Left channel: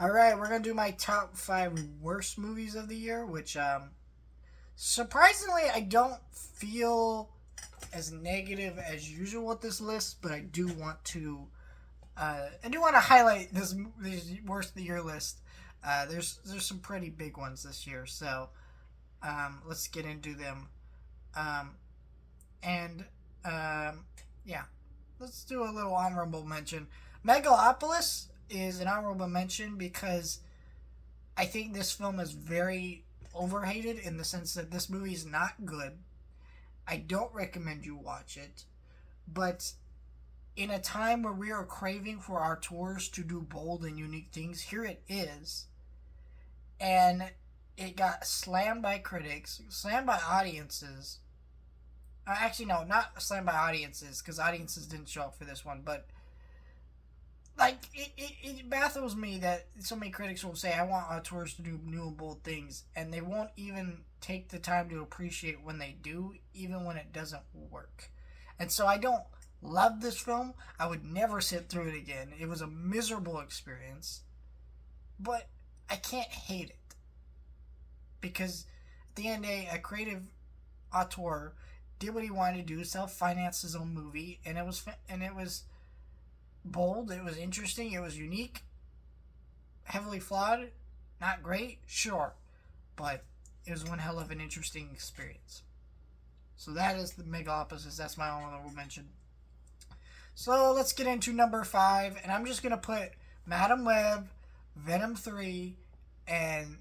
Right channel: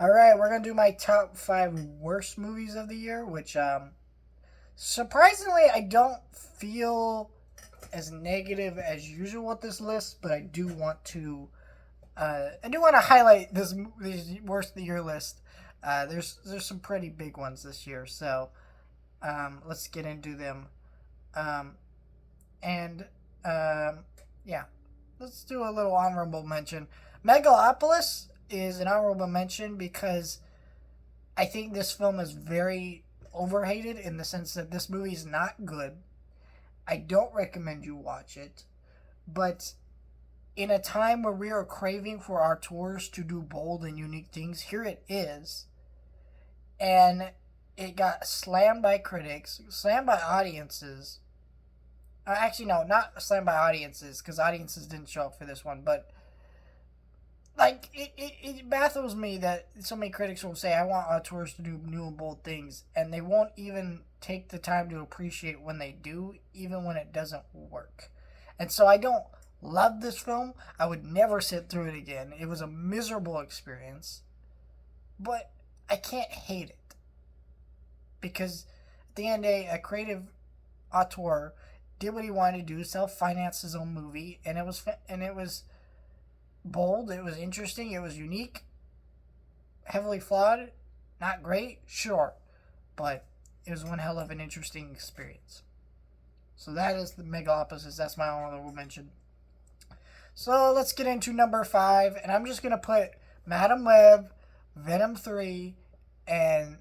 All right, we're gonna do my top five worst movies of the year, which surprisingly I don't feel as negative as usual with this list, but I do want to highlight this worst of the year list. There's some pretty big ones this year, so let's get into them. Um, and yeah, let's do a little honorable mention. Megalopolis is an honorable mention because I think this film is very overhated in the sense that this movie is not good. I don't recommend you watch it, but in a time where we are craving for our tours to do bold and unique things, here it is. And it got slammed by critics, slammed by audiences. Actually, no, not slammed by audiences, because audiences didn't show up for this one, but like it baffles me that so many critics will say I want auteurs to do new and bold things, and they won't even take the time to appreciate when they do, even when it doesn't work. And so I don't love this film. I would never sit through it again. It was a miserable experience, but I can't hate it because at the end of the day, a creative auteur did what he wanted to do, self-finance his own movie, and it was bold, it was interesting, it was unique, heavily flawed, not great, sure, but it was one hell of an interesting experience. So that is the Megalopolis. That's my honorable mention. So let's get into number five, and I'm just gonna put Madam Web, Venom 3, and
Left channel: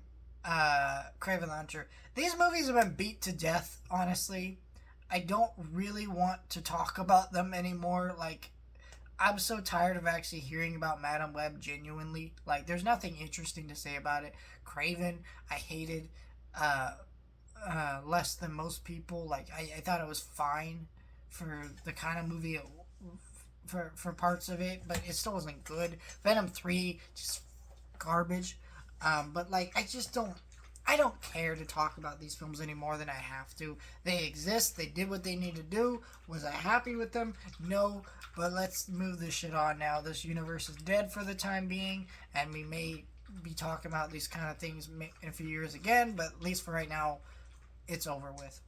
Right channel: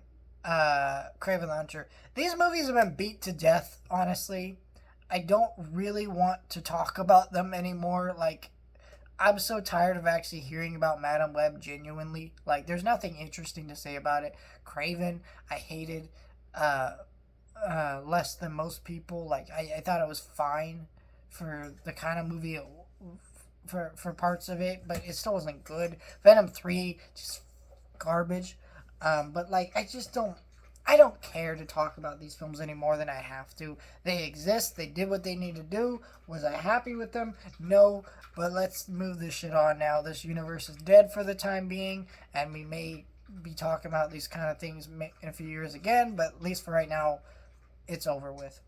Kraven Launcher. These movies have been beat to death. Honestly, I don't really want to talk about them anymore. Like, I'm so tired of actually hearing about Madam Web genuinely. Like, there's nothing interesting to say about it. Craven, I hated uh, less than most people. Like, I thought it was fine for the kind of movie for parts of it, but it still wasn't good. Venom 3, just garbage. But, like, I don't care to talk about these films any more than I have to. They exist. They did what they need to do. Was I happy with them? No. But let's move this shit on now. This universe is dead for the time being, and we may be talking about these kind of things in a few years again, but at least for right now, it's over with.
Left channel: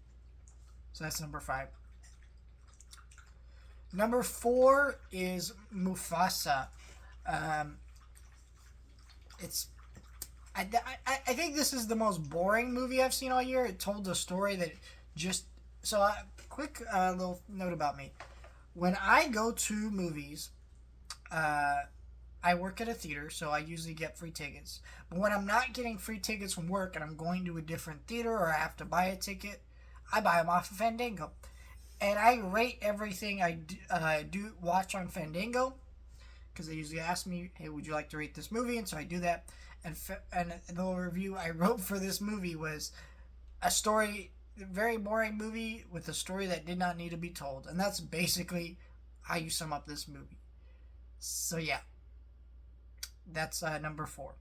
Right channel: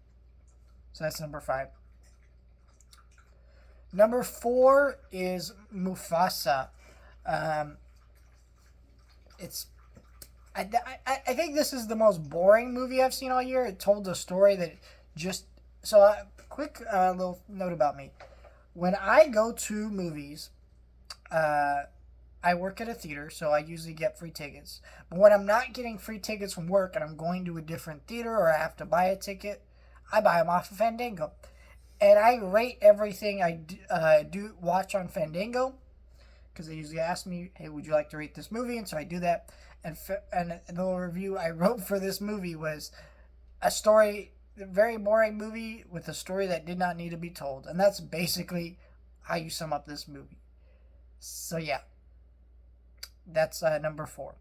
So that's number five. Number four is Mufasa. Um, it's I think this is the most boring movie I've seen all year. It told a story that just so. Quick little note about me: when I go to movies, uh, I work at a theater, so I usually get free tickets. But when I'm not getting free tickets from work and I'm going to a different theater or I have to buy a ticket, I buy them off of Fandango, and I rate everything I do watch on Fandango because they usually ask me, "Hey, would you like to rate this movie?" And so I do that. And the review I wrote for this movie was a story, a very boring movie with a story that did not need to be told, and that's basically how you sum up this movie. So yeah, that's number four.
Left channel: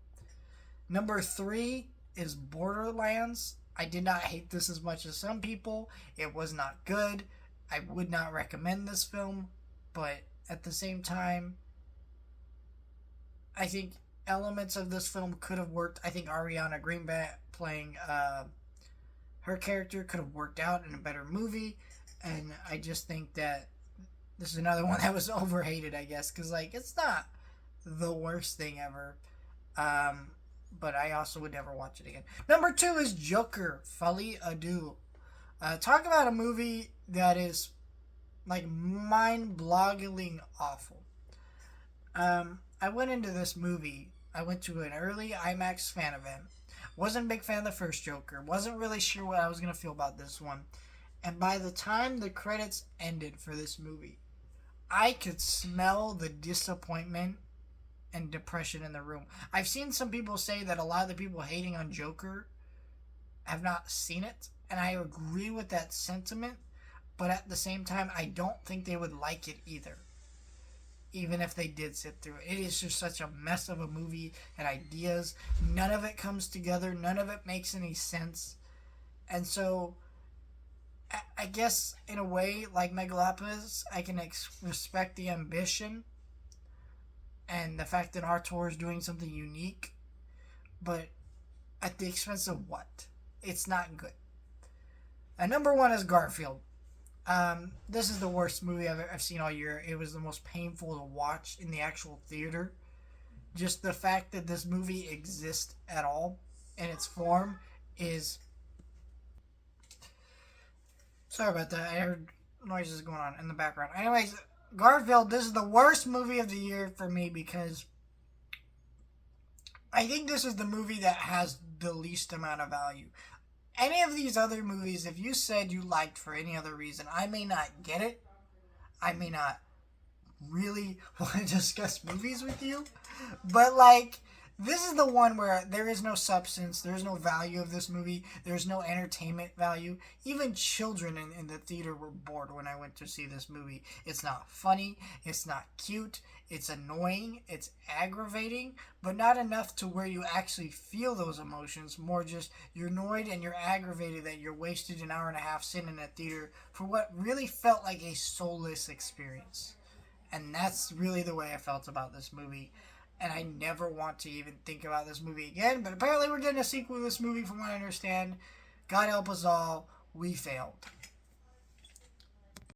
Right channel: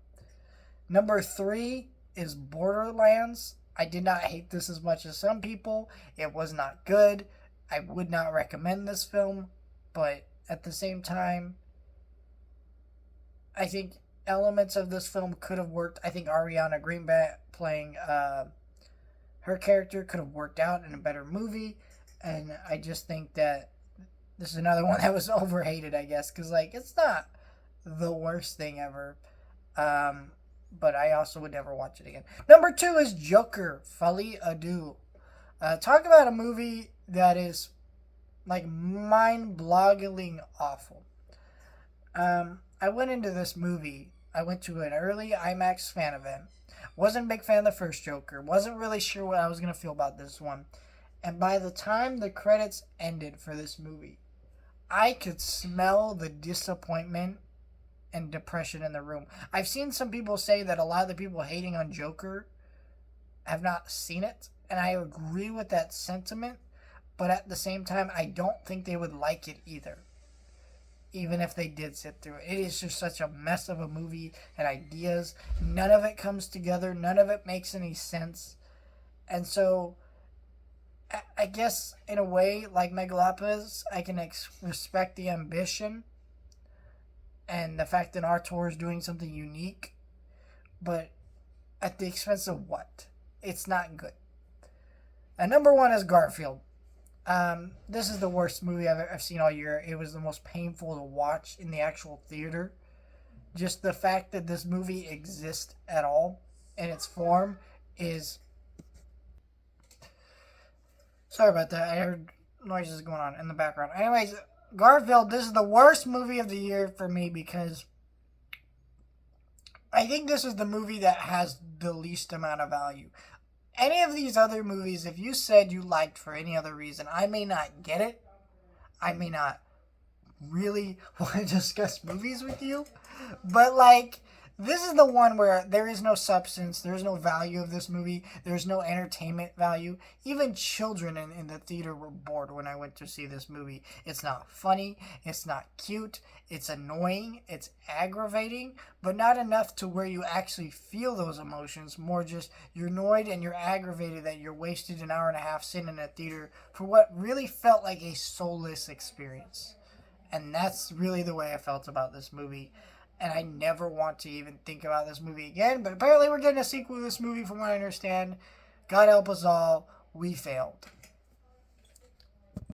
Number three is Borderlands. I did not hate this as much as some people. It was not good. I would not recommend this film, but at the same time, I think elements of this film could have worked. I think Ariana Greenblatt playing her character could have worked out in a better movie, and I just think that this is another one that was overhated, I guess, because like it's not the worst thing ever. Um, but I also would never watch it again. Number two is Joker, Folie à Deux. Talk about a movie that is like mind-boggling awful. I went into this movie. I went to an early IMAX fan event. Wasn't a big fan of the first Joker. Wasn't really sure what I was gonna feel about this one. And by the time the credits ended for this movie, I could smell the disappointment and depression in the room. I've seen some people say that a lot of the people hating on Joker have not seen it, and I agree with that sentiment. But at the same time, I don't think they would like it either, even if they did sit through it. It is just such a mess of a movie and ideas. None of it comes together. None of it makes any sense. And so, I guess in a way, like Megalopolis, I can respect the ambition and the fact that Artur is doing something unique. but at the expense of what? It's not good. And number one is Garfield. This is the worst movie I've seen all year. It was the most painful to watch in the actual theater. Just the fact that this movie exists at all in its form is. Sorry about that. I heard noises going on in the background. Anyways, Garfield, this is the worst movie of the year for me because I think this is the movie that has the least amount of value. Any of these other movies, if you said you liked for any other reason, I may not get it. I may not really want to discuss movies with you. But, like, this is the one where there is no substance, there's no value of this movie, there's no entertainment value. Even children in the theater were bored when I went to see this movie. It's not funny, it's not cute, it's annoying, it's aggravating, but not enough to where you actually feel those emotions. More just you're annoyed and you're aggravated that you're wasted an hour and a half sitting in a theater for what really felt like a soulless experience. And that's really the way I felt about this movie. And I never want to even think about this movie again. But apparently we're getting a sequel to this movie from what I understand. God help us all. We failed.